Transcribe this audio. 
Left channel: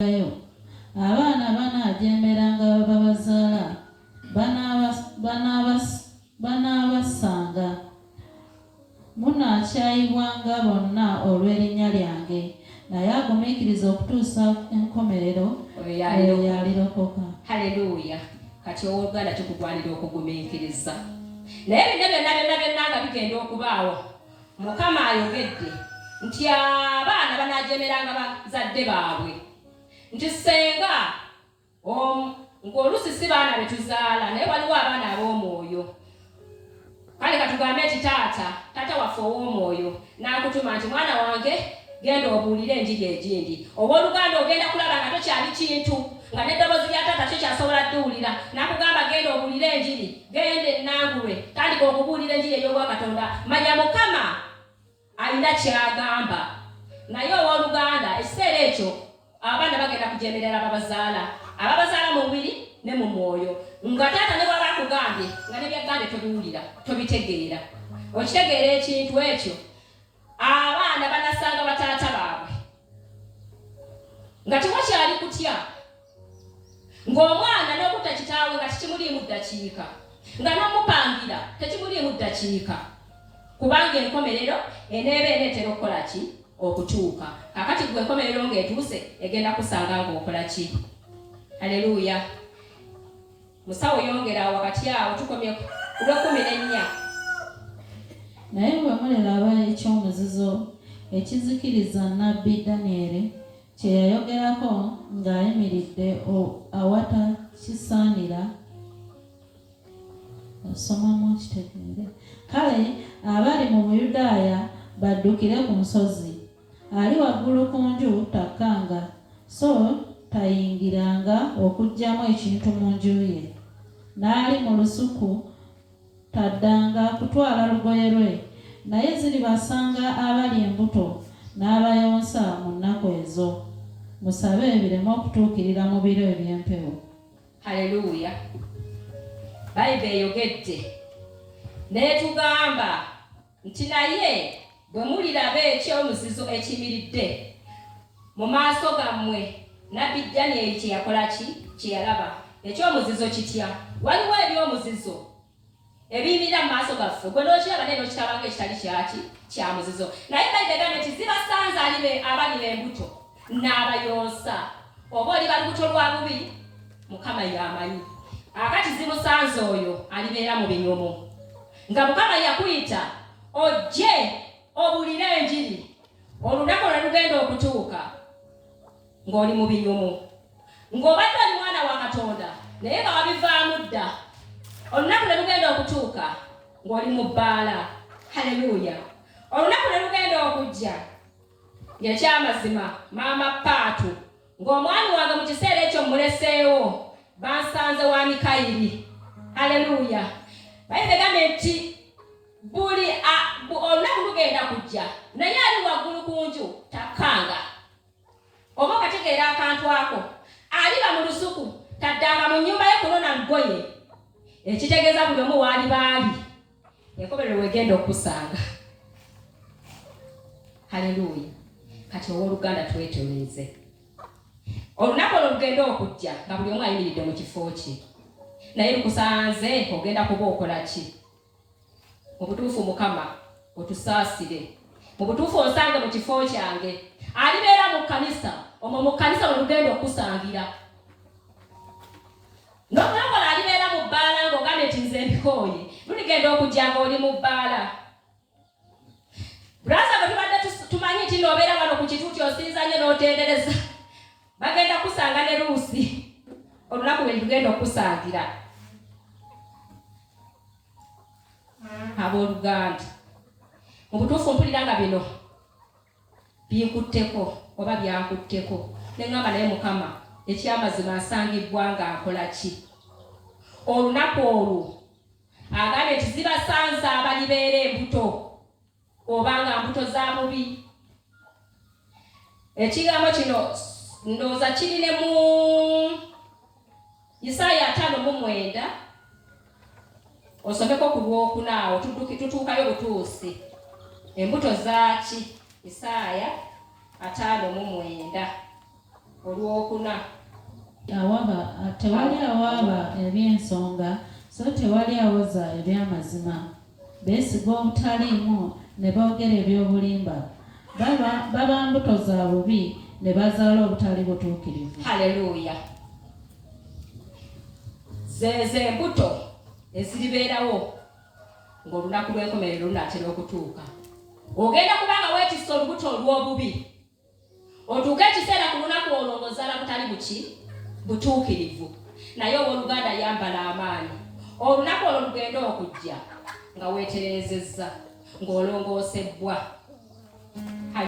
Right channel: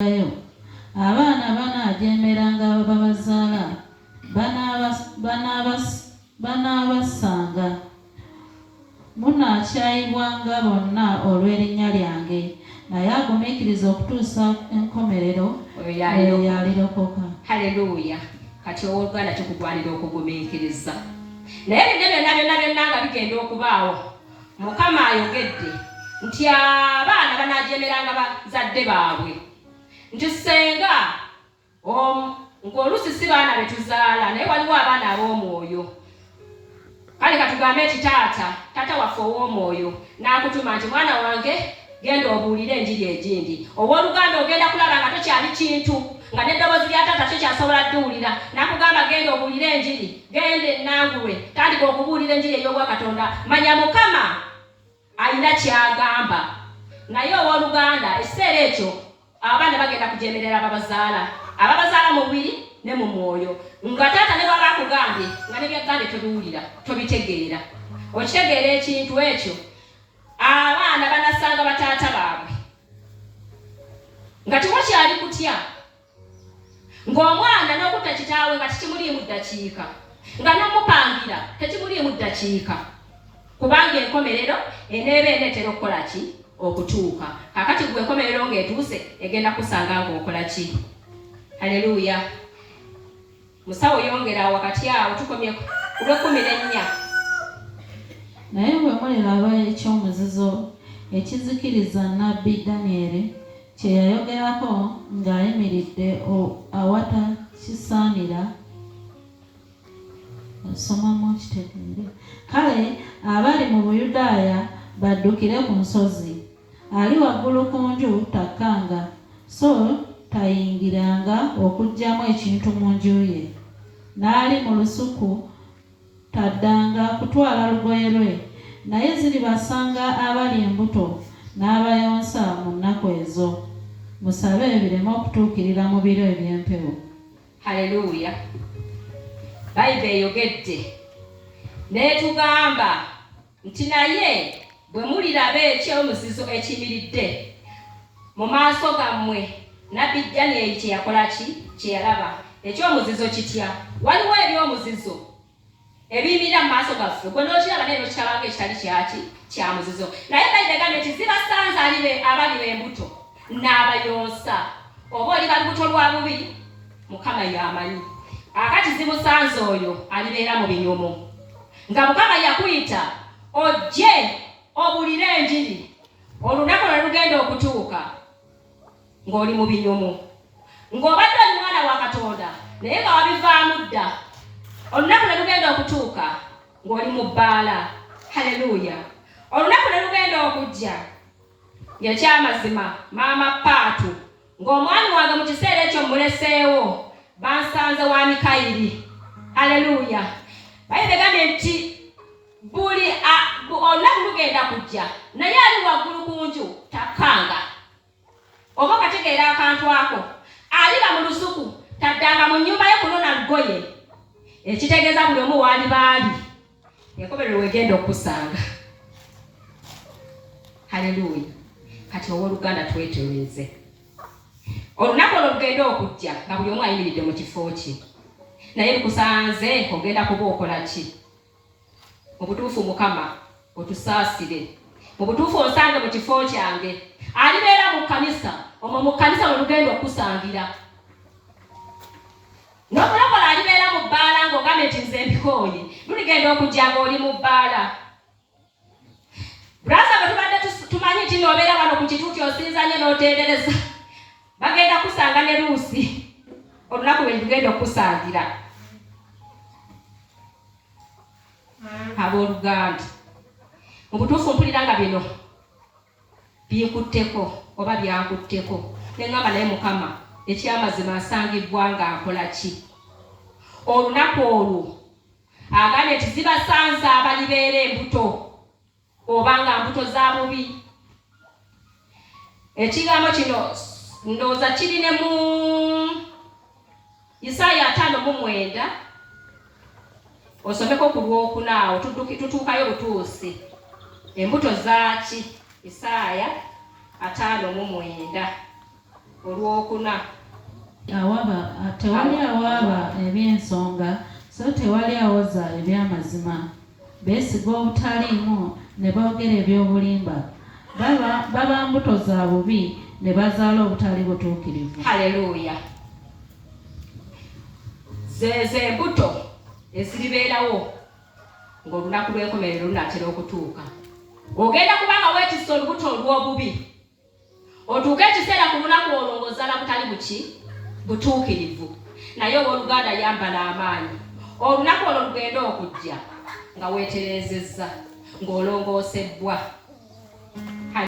abaana banaajemeranga babazaala banaabasanga munaakyayibwanga bonna olw'erinnya lyange, naye agumiikiriza okutuusa enkomerero yalirokoka. Haleluya. Kati owooluganda kikugwanira okugumiikiriza. Naye bino byonna nga bigenda okubaawo, Mukama ayogedde nti abaana banaajemeranga bazadde baabwe, nti senga ng'oluusi si baana betuzaala naye waliwo abaana ab'omwoyo. Kale katugambe nti taata waffe ow'omwoyo n'akutuma nti mwana wange genda obuulire enjiri egindi. Owooluganda ogenda kulaba nga tokyali kintu, nga n'eddoboozi lya taata tokyasobola dduwulira, n'akugamba genda obuulire enjiri, genda ennangulwe, tandika okubuulira enjiri ey'obwa Katonda. Manya Mukama alina kyagamba. Naye owooluganda ekiseera ekyo abaana bagenda kujemerera ababazaala mu mubiri ne mu mwoyo, nga taata ne baba akugambye nga ne byagambye tobiwulira, tobitegeera. Okitegeera ekintu ekyo, abaana banasanga bataata baabwe nga tewakyali kutya, ng'omwana n'okutta kitaawe nga tekimuliimu ddakiika, nga n'omupangira tekimuliimu ddakiika, kubanga enkomerero eneeba eneetera okukola ki? Okutuuka. Kakati gwe enkomerero ng'etuuse egenda kusanga ng'okola ki? Haleluya. Musawo yongera wakati awo tukomye ku lw'14. Naye bwe muliraba ekyomuzizo ekizikiriza nnabbi Danyeri kye yayogerako ng'ayimiridde awatakisaanira, asomamu kitegeere. Kale abali mu Buyudaaya baddukire ku nsozi. Ali waggulu ku nju takkanga, so tayingiranga okuggyamu ekintu mu nju ye. N'ali mu lusuku taddanga kutwala lugoye lwe. Naye ziribasanga abali embuto n'abayonsa mu nnaku ezo. Musabe bireme okutuukirira mu biro eby'empewo. Haleluya. Bayibuli eyogedde n'etugamba nti naye bwe muliraba ekyomuzizo ekiyimiridde mu maaso gammwe, nnabbi Danyeri kye yakola ki? Kye yalaba. Ekyomuzizo kitya? Waliwo ebyomuzizo ebiyimirira mu maaso gaffe, gwe n'okiraba naye n'okitabanga ekitali kyaki? Kya muzizo. Naye Bayibuli egambye nti zibasanze abali b'embuto n'abayonsa. Oba oli balubuto lwa bubiri, Mukama y'amanyi. Akati zimusanze oyo alibeera mu binyumu, nga Mukama yakuyita ojje obuulire enjiri, olunaku lwe lugenda okutuuka ng'oli mu binyumu, ng'obadde oli mwana wa Katonda naye nga wabivaamu dda. Olunaku lwe lugenda okutuuka ng'oli mu bbaala. Haleluya. Olunaku lwe lugenda okujja ng'ekyamazima maama Paatu ng'omwami wange mu kiseera ekyo muleseewo bansanze wa Mikayiri. Haleluya. Bayibuli egambye nti buli olunaku lugenda kujja, naye ali waggulu ku nju takkanga. Oba okategeera akantu ako, aliba mu lusuku taddanga mu nnyumba ye kunona lugoye, ekitegeeza buli omu waali baali enkomerero wegenda okusanga. Haleluya. Kati owooluganda twetereeze olunaku olwo lugenda okujja nga buli omu ayimiridde mu kifo kye, naye lukusanze ogenda kuba okola ki? Mu butuufu Mukama otusaasire, mu butuufu osange mu kifo kyange. Alibeera mu kkanisa, omwo mu kkanisa mwe lugenda okusangira. N'omulokola alibeera mu bbaala ng'ogambye nti nze mbikooye, luligenda okujja ng'oli mu bbaala. Bulaza bwe tubadde tumanyi nti n'obeera wano ku kituuti osinza nnyo n'otendereza, bagenda kusanga ne Luusi olunaku lwe lugenda okusangira. Abooluganda, mu butuufu mpulira nga bino binkutteko oba byankutteko, ne ŋŋamba naye Mukama ekyamazima asangibwa ng'akola ki? Olunaku olwo agambye nti zibasanze abalibeera embuto oba nga mbuto za bubi. Ekigambo kino ndowooza kiri ne mu Isaaya 5:9. Osomeko ku lwokuna awo tutuukayo butuusi. Embuto zaaki? Isaaya 5:9. Olwokuna tewali awaaba eby'ensonga so tewali awoza eby'amazima. Beesiga obutaliimu ne boogera eby'obulimba. Baba mbuto za bubi ne bazaala obutali butuukirivu. Haleluya. Zeze mbuto eziribeerawo ng'olunaku lw'enkomerero lunaatera okutuuka. Ogenda kubanga weetisse olubuto olw'obubi. Otuuke ekiseera ku lunaku olwo ng'ozaala butali butuukirivu. Naye obooluganda yambala amaanyi. Olunaku olwo lugenda okujja nga weeterezezza ng'olongoosebbwa.